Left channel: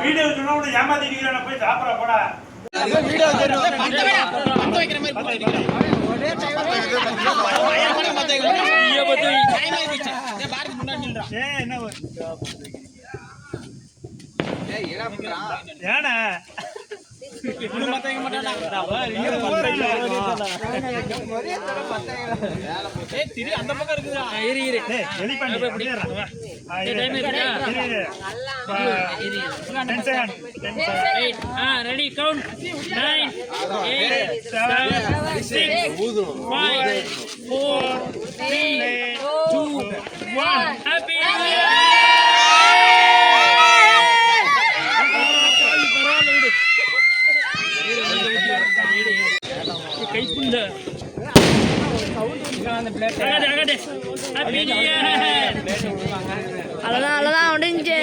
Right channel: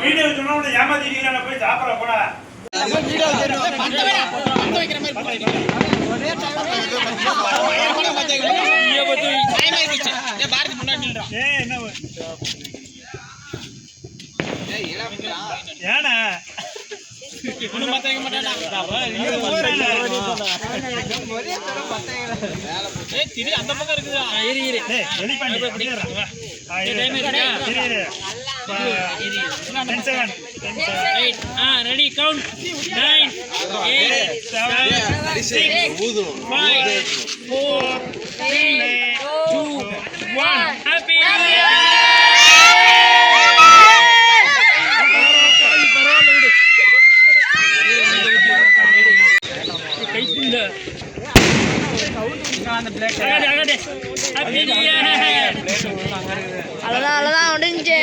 video சொன்னா ஏமாத்திட்டீங்க போய் சாப்பிட போடா ஏன்னா அந்த பக்கம் இருக்குதா ரெடி கவுண்ட் 9 8 7 6 5 4 3 2 1 ஹாப்பி கைப்புள்ள அகடே ஹாப்பி நியூ இயர் அவ்வளவுதான் முடிஞ்சு